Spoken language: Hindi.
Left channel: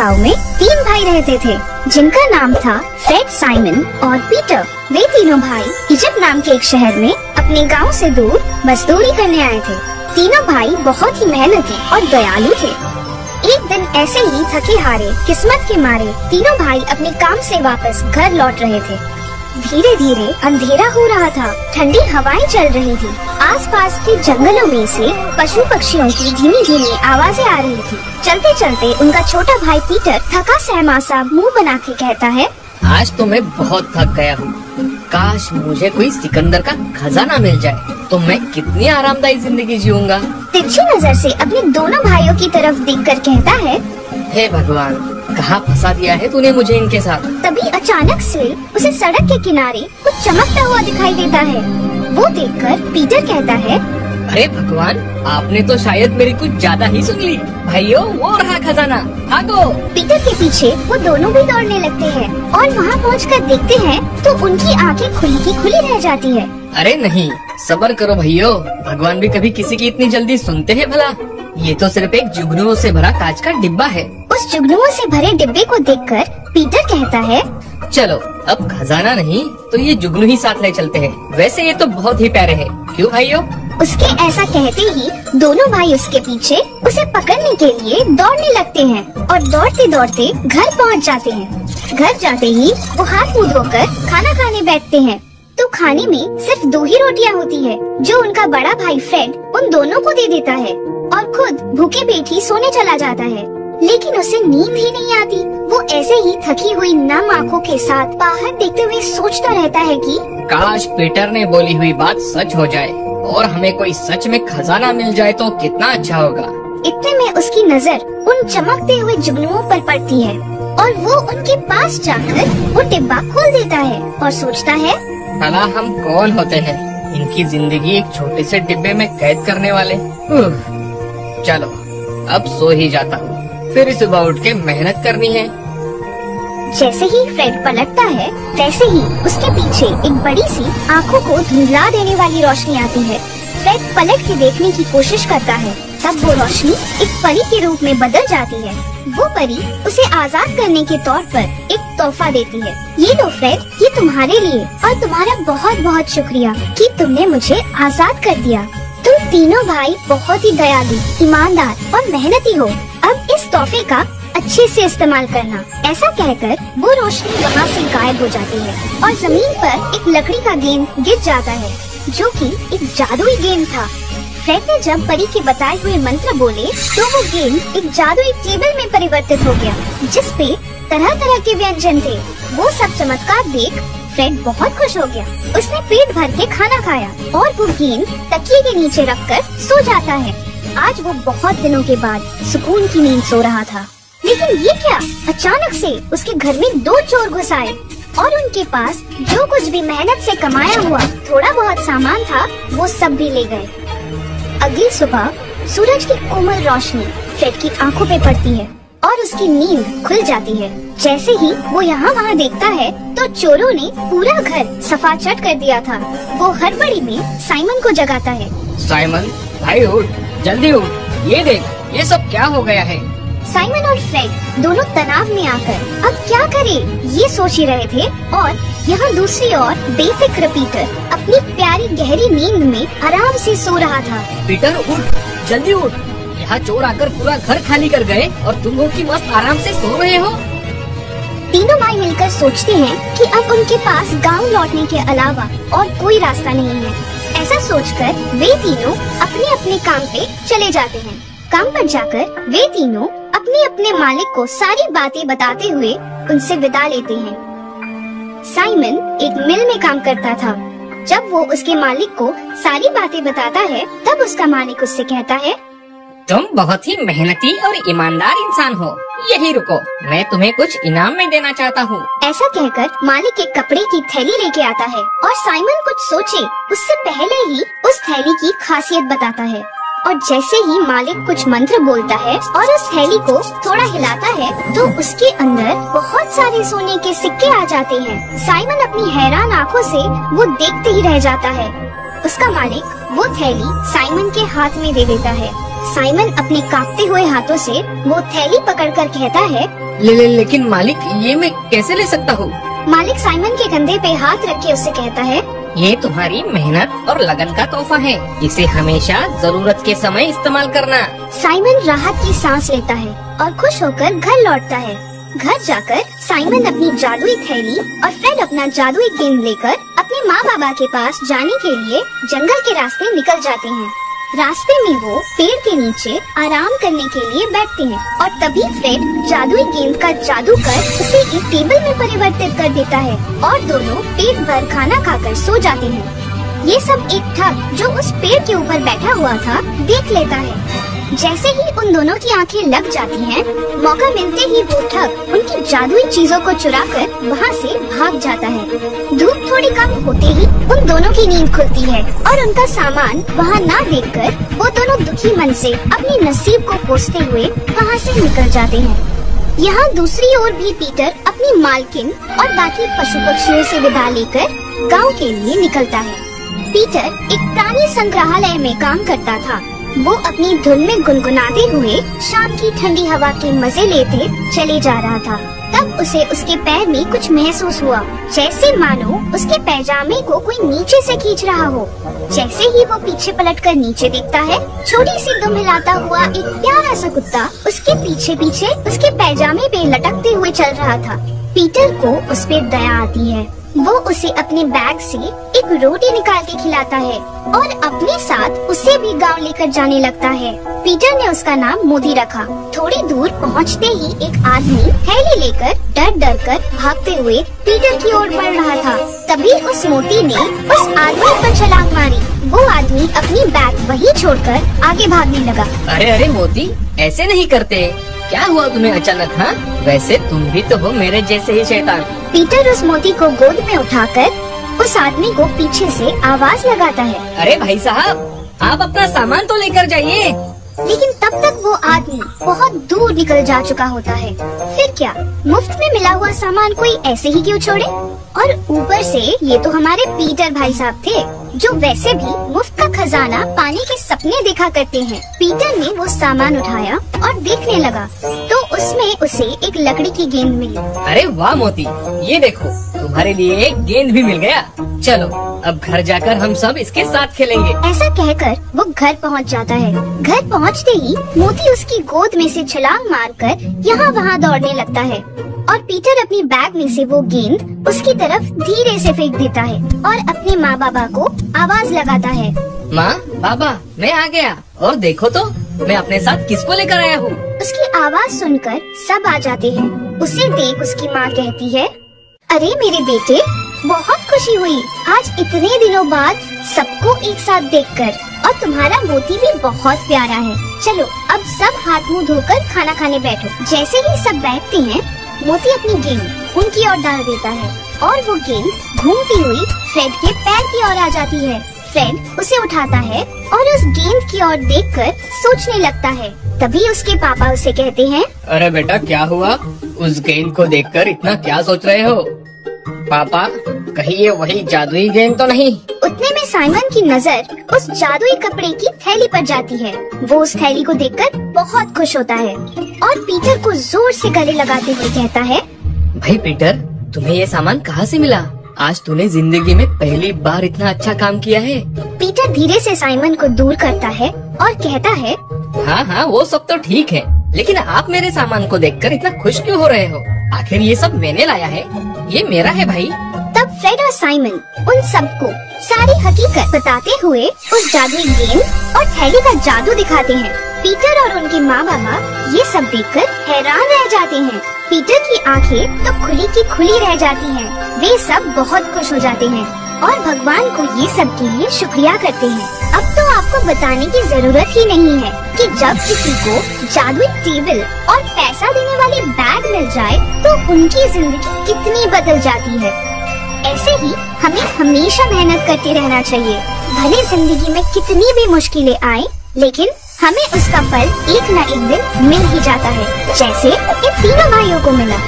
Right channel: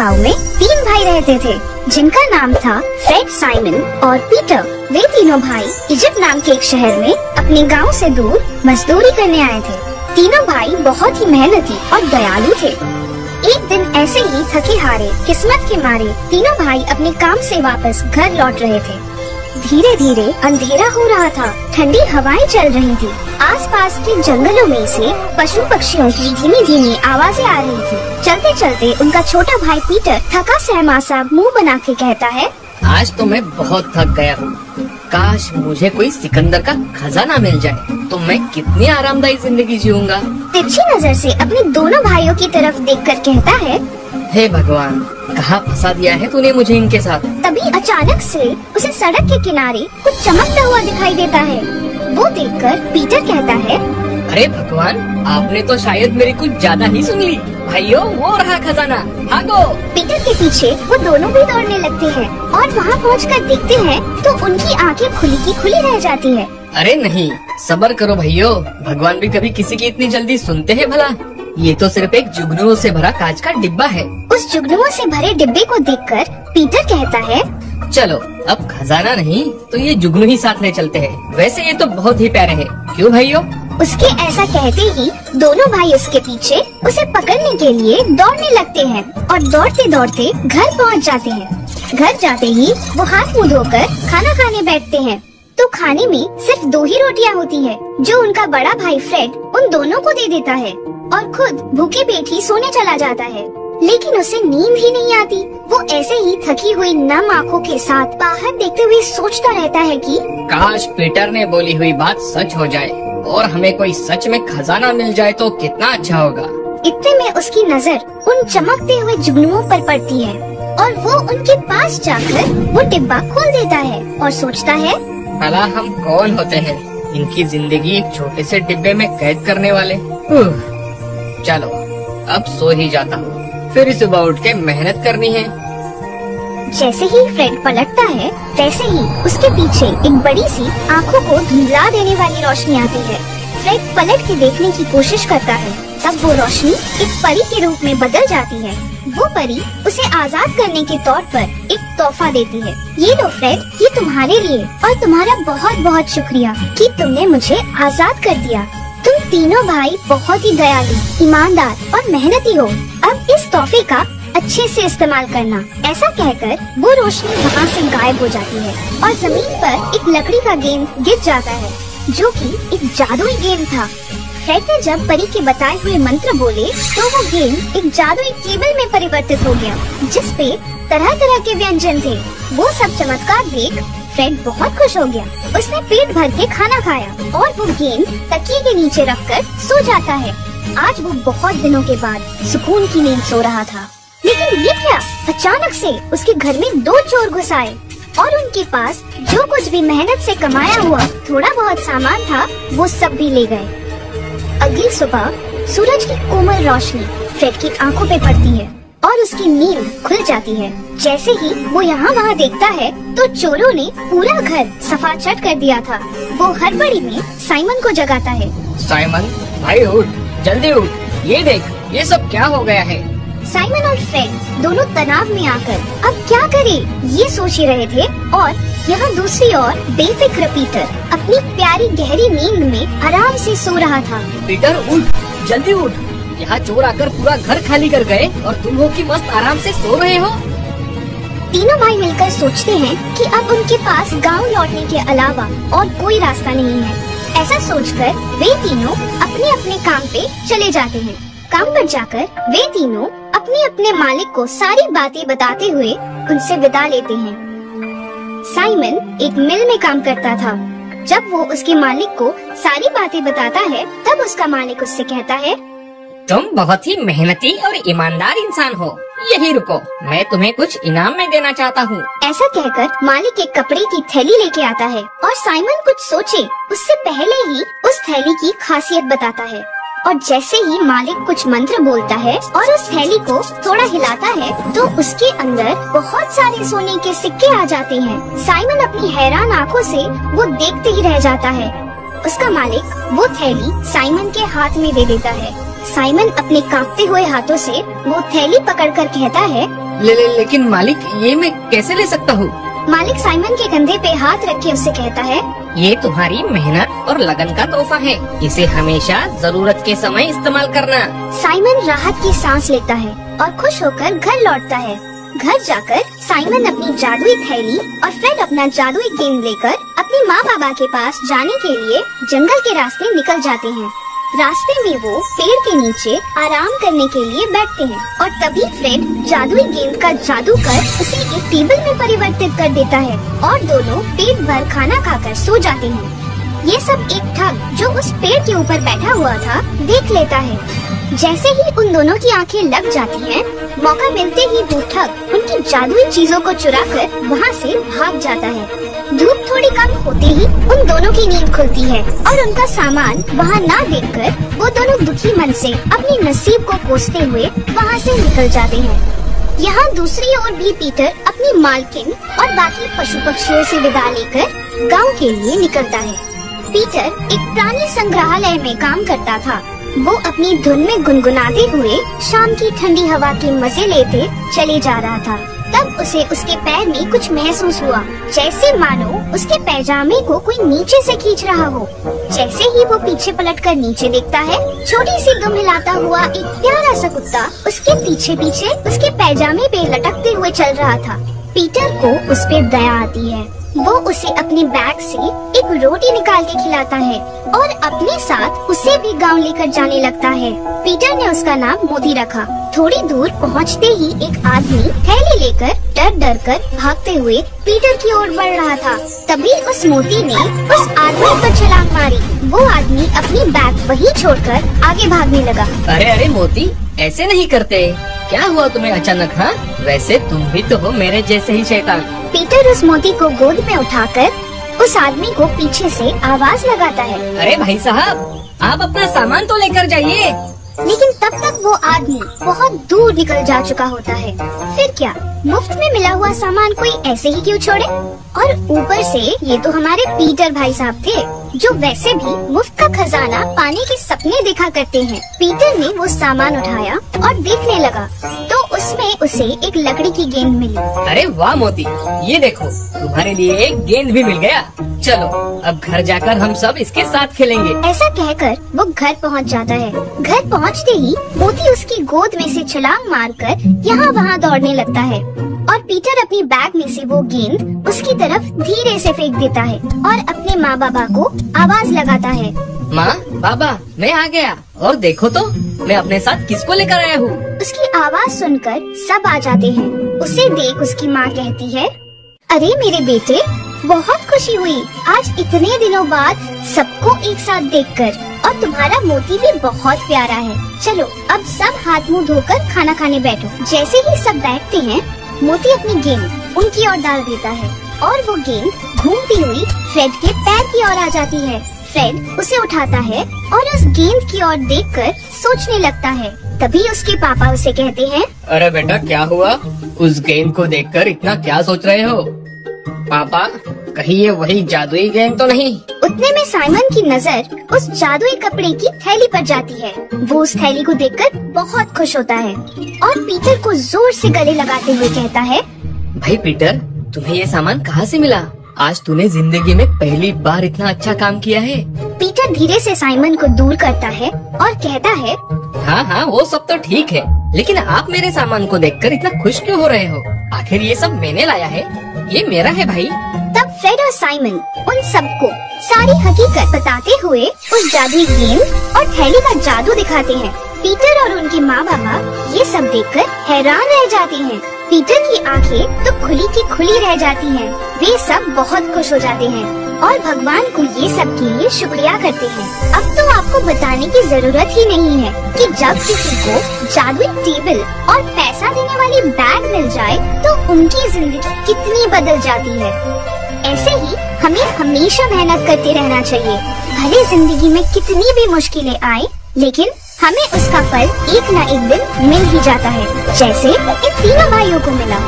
गांव में 3 भाई रहते थे जिनका नाम था फ्रेड, साइमन और पीटर। वे तीनों भाई इजिप्ट नाम के एक शहर में अपने गांव से दूर मजदूरी करने आए थे। तीनों भाई बहुत ही मेहनती और दयालु थे। एक दिन ऐसे ही थके हारे किस्मत के मारे तीनों भाई अपने काम से वापस घर लौट रहे थे। धीरे धीरे अंधेरा हो रहा था, ठंडी हवाएं चल रही थी। आसपास के जंगलों में से पशु पक्षियों की धीमी धीमी आवाजें आ रही थी। चलते चलते उनका छोटा भाई पीटर थका सहमासा मुंह बना के कहता है, आज तो मैं बहुत थक गया हूँ। काश मुझे कोई सिकंदर का खजाना मिल जाए तो मैं कितनी आरामदायी जिंदगी जीऊंगा। तिरछी नजर से अपने दोनों भाइयों की तरफ देखकर कहता है, हे भगवान, कहाँ फंसा दिया है तूने मुझे इनके साथ। तभी अचानक से उसे सड़क के किनारे कुछ चमकता हुआ दिखाई देता है। वो देखकर पीटर कहता है, अरे भगवान, आपने तो शायद मेरी कुछ ज्यादा ही सुन ली। भाइयों, वो रहा खजाना, भागो। पीटर के पीछे वो दोनों भी दौड़ने लगते हैं और वहाँ पहुंचकर देखते हैं तो उनकी आंखें खुली की खुली रह जाती है। अरे नहीं, सब्र करो भाइयों, भगवान भी कभी किसी की इतनी जल्दी सुनते हैं भला। ये तो सिर्फ एक जुगनुओं से भरा कांच का डिब्बा है। उस जुगनुओं से भरे डिब्बे को देखकर पीटर कहता है, चलो अब खजाना नहीं तो ये जुगनू ही साथ ले चलते हैं। वैसे ये तो बहुत ही प्यारे हैं, क्यों भाइयों? उसके ऐसा कहते ही दोनों भाई उसके पीछे उसे पकड़ने के लिए दौड़ने लगते हैं और दौड़ते दौड़ते घर पहुंच जाते हैं। घर जाते ही वो हाथ मुंह धोकर खाना खाने बैठते हैं तो खाने में सिर्फ 2 ही रोटियां होती है जो उनका बड़ा भाई फ्रेड उन दोनों को दे देता है और खुद भूखे पेट ही सोने चला जाता है। लेकिन उसे नींद ही नहीं आती। वो ऐसे ही थकी हुई नम आंखों के साथ बाहर देखते हुए सोचता रहता है कि काश पीटर ने बोली हुई बात सच हो जाए और हमें कोई सच में खजाना मिल जाए तो कितना अच्छा होगा। इतने में उसकी नजर उन चमकते हुए जुगनुओं पर पड़ती है और वो उनके पास जाकर वो डिब्बा खोल देता है और सोचता है, भला हम कौन होते हैं इनकी जिंदगी एक छोटे से डिब्बे में कैद करने वाले। चलो अब सो ही जाता हूँ, फिर सुबह उठ के मेहनत करनी है। जैसे ही फ्रेड पलटता है तैसे ही उसके पीछे एक बड़ी सी आंखों को धुंधला देने वाली रोशनी आती है। फ्रेड पलट के देखने की कोशिश करता है, तब वो रोशनी एक परी के रूप में बदल जाती है। वो परी उसे आजाद करने के तौर पर एक तोहफा देती है। ये लो फ्रेड, ये तुम्हारे लिए और तुम्हारा बहुत बहुत शुक्रिया कि तुमने मुझे आजाद कर दिया। तुम तीनों भाई बहुत ही दयालु, ईमानदार और मेहनती हो। अब इस तोहफे का अच्छे से इस्तेमाल करना। ऐसा कहकर वो रोशनी वहाँ से गायब हो जाती है और जमीन पर एक लकड़ी का गेंद गिर जाता है जो कि एक जादुई गेंद था। फ्रेड ने जब परी के बताए हुए मंत्र बोले तो वो गेंद एक जादुई टेबल में परिवर्तित हो गया जिस पे तरह तरह के व्यंजन थे। वो सब चमत्कार देख फ्रेड बहुत खुश हो गया। उसने पेट भर के खाना खाया और वो गेंद तकिए के नीचे रखकर सो जाता है। आज वो बहुत दिनों के बाद सुकून की नींद सो रहा था। लेकिन ये क्या, अचानक से उसके घर में 2 चोर घुस आए और उनके पास जो कुछ भी मेहनत से कमाया हुआ थोड़ा बहुत सामान था वो सब भी ले गए। अगली सुबह सूरज की कोमल रोशनी फ्रेड की आंखों पे पड़ती है और उसकी नींद खुल जाती है। जैसे ही वो यहाँ वहाँ देखता है तो चोरों ने पूरा घर सफाचट कर दिया था। वो हड़बड़ी में साइमन को जगाता है। साइमन भाई उठ, जल्दी उठ, ये देख ये सब क्या हो गया है। साइमन और फ्रेड दोनों तनाव में आकर अब क्या करें ये सोच ही रहे थे और यहाँ दूसरी ओर बेफिक्र पीटर अपनी प्यारी गहरी नींद में आराम से सो रहा था। पीटर उठ, जल्दी उठ, यहाँ चोर आकर पूरा घर खाली कर गए और तुम हो कि मस्त आराम से सो रहे हो। तीनों भाई मिलकर सोचते हैं कि अब उनके पास गांव लौटने के अलावा और कोई रास्ता नहीं है। ऐसा सोचकर वे तीनों अपने अपने काम पे चले जाते हैं। काम पर जाकर वे तीनों अपने अपने मालिक को सारी बातें बताते हुए उनसे विदा लेते हैं। साइमन एक मिल में काम करता था। जब वो उसके मालिक को सारी बातें बताता है तब उसका मालिक उससे कहता है, तुम बहुत ही मेहनती और ईमानदार इंसान हो, यही रुको, मैं तुम्हें कुछ इनाम में देना चाहता हूँ। ऐसा कहकर मालिक एक कपड़े की थैली लेके आता है और साइमन कुछ सोचे उससे पहले ही उस थैली की खासियत बताता है। और जैसे ही मालिक कुछ मंत्र बोलता है और उस थैली को थोड़ा हिलाता है तो उसके अंदर बहुत सारे सोने के सिक्के आ जाते हैं। साइमन अपनी हैरान आंखों से वो देखते ही रह जाता है। उसका मालिक वो थैली साइमन के हाथ में दे देता है साइमन अपने कांपते हुए हाथों से वो थैली पकड़कर कहता है, लेकिन मालिक, ये मैं कैसे ले सकता हूँ? मालिक साइमन के कंधे पे हाथ रख के उससे कहता है, ये तुम्हारी मेहनत और लगन का तोहफा है। इसे हमेशा जरूरत के समय इस्तेमाल करना। साइमन राहत की सांस लेता है और खुश होकर घर लौटता है। घर जाकर साइमन अपनी जादुई थैली और फ्रेड अपना जादुई गेंद लेकर अपने माँ बाबा के पास जाने के लिए जंगल के रास्ते निकल जाते हैं। रास्ते में वो पेड़ के नीचे आराम करने के लिए बैठते हैं और तभी फ्रेड जादुई गेंद का जादू कर उसे एक टेबल में परिवर्तित कर देता है और दोनों पेट भर खाना खाकर सो जाते हैं। ये सब एक ठग जो उस पेड़ के ऊपर बैठा हुआ था देख लेता है। जैसे ही उन दोनों की आंखें लग जाती हैं, मौका मिलते ही वो ठग उनकी जादुई चीजों को चुराकर वहाँ से भाग जाता है। धूप थोड़ी कम होते ही उन दोनों की नींद खुलती है और उनका सामान वहाँ ना देखकर वो दोनों दुखी मन से अपने नसीब को कोसते हुए वहाँ से निकल जाते हैं। यहाँ दूसरी ओर भी पीटर अपनी मालकिन और बाकी पशु पक्षियों से विदा लेकर गांव के लिए निकलता है। पीटर एक प्राणी संग्रहालय में काम करता था। वो अपनी धुन में गुनगुनाते हुए शाम की ठंडी हवा के मजे लेते चले जा रहा था। तब उसे उसके पैर में कुछ महसूस हुआ, जैसे मानो उसके पैजामे को कोई नीचे से खींच रहा हो। जैसे ही वो पीछे पलटकर नीचे देखता है, छोटी सी दुम हिलाता हुआ एक प्यारा सा कुत्ता उसके पीछे पीछे उसके पैजामे पे लटकते हुए चल रहा था। पीटर को उस पे दया आती है। वो उसे अपने बैग से एक रोटी निकाल के खिलाता है और अपने साथ उसे भी गांव लेकर जाने लगता है। पीटर ने उसका नाम मोती रखा। थोड़ी दूर पहुंचते ही एक आदमी थैली लेकर डर डर कर भागते हुए पीटर की ओर बढ़ रहा था। तभी उस मोती ने उस आदमी पर छलांग मारी। वो आदमी अपनी बैग वहीं छोड़कर आगे भागने लगा। अरे मोती, ऐसे नहीं करते। क्या हुआ तुम्हें अचानक? हाँ, वैसे तुम भी तो हो मेरे जैसे ही शैतान। पीटर उस मोती को गोद में उठाकर उस आदमी को पीछे से आवाज लगाता है, अरे भाई साहब, आप अपना सामान तो लेकर जाइए। लेकिन तब तक वो आदमी बहुत दूर निकल जा चुका होता है। फिर क्या, मुफ्त में मिला हुआ सामान कोई ऐसे ही क्यों छोड़े? और ऊपर से ये तो हमारे पीटर भाई साहब थे, जो वैसे भी मुफ्त का खजाना पाने के सपने देखा करते हैं। पीटर ने वो सामान उठाया और देखने लगा तो उसमें उसे एक लकड़ी की गेंद मिली। अरे वाह मोती, ये देखो, तुम्हारे लिए एक गेंद भी मिल गया। चलो अब घर जाकर हम सब इसके साथ खेलेंगे। ऐसा कहकर वो घर पहुंच जाता है। घर पहुंचते ही मोती उसकी गोद में से छलांग मारकर यहाँ वहाँ दौड़ने लगता है और पीटर अपनी बैग में से वो गेंद उसकी तरफ धीरे से फेंक देता है और अपने माँ बाबा को आवाज लगाता है, माँ बाबा, मैं आ गया और देखो तो मैं अपने साथ किसको लेकर आया हूँ। उसकी आवाज सुनकर सब आ जाते हैं। उसे देख उसकी माँ कहती है, अरे मेरे बेटे, बहुत खुशी हुई आज इतने दिनों बाद सबको एक साथ देखकर, और तुम्हारा मोती भी बहुत प्यारा है। चलो अब सब हाथ मुंह धोकर खाना खाने बैठो। जैसे ही सब बैठते हैं, मोती अपनी गेंद उनकी ओर डाल देता है और वो गेंद घूमती हुई फ्रेड के पैर की ओर आ जाती है। फ्रेड उसे उठाता है और उस गेंद की ओर देखकर सोचने लगता है। तभी उसके पापा उसे कहते हैं, अरे बेटा, क्या हुआ? उस गेंद को देखकर इतना क्या सोच रहे हो? पापा, कहीं ये वही जादुई गेंद तो नहीं? उतने में साइमन की नजर उस जादुई कपड़े की थैली पर जाती है। वो उस थैली को देखकर बहुत खुश होता है और पीटर को जोर से गले लगाते हुए कहता है, भाई पीटर, तुम्हें ये सामान कहाँ से मिला? आज तूने जिंदगी में पहली बार इतना अच्छा काम किया है। पीटर धीरे से साइमन को दूर करता है और कहता है, हाँ, वो सब तो ठीक है, लेकिन आप मेरे सामान को देखकर इतना खुश क्यों हो रहे हो? आखिर ये सब मैंने लाया है, ये मेरा है भाई। तब फ्रेड और साइमन उन सबको सारी हकीकत बताते हुए उस जादुई गेंद और थैली का जादू दिखाते हैं। पीटर और उनके माँ बाबा ये सब देखकर हैरान रह जाते हैं। पीटर की आंखें तो खुली की खुली रह जाती हैं। वे सब बहुत खुश हो जाते हैं और भगवान को ये सब के लिए शुक्रिया करते हैं। अब तो आपको बताने की जरूरत ही नहीं है कि जब किसी को जादुई टेबल और पैसा देने वाली बैग मिल जाए तो उनकी जिंदगी कितनी बदल जाती है। ऐसे ही हमें हमेशा मेहनत करते रहना चाहिए। भले जिंदगी में कितनी भी मुश्किलें आए, लेकिन हमें उसका फल एक न एक दिन मिल ही जाता है, जैसे इन तीनों भाइयों को मिला।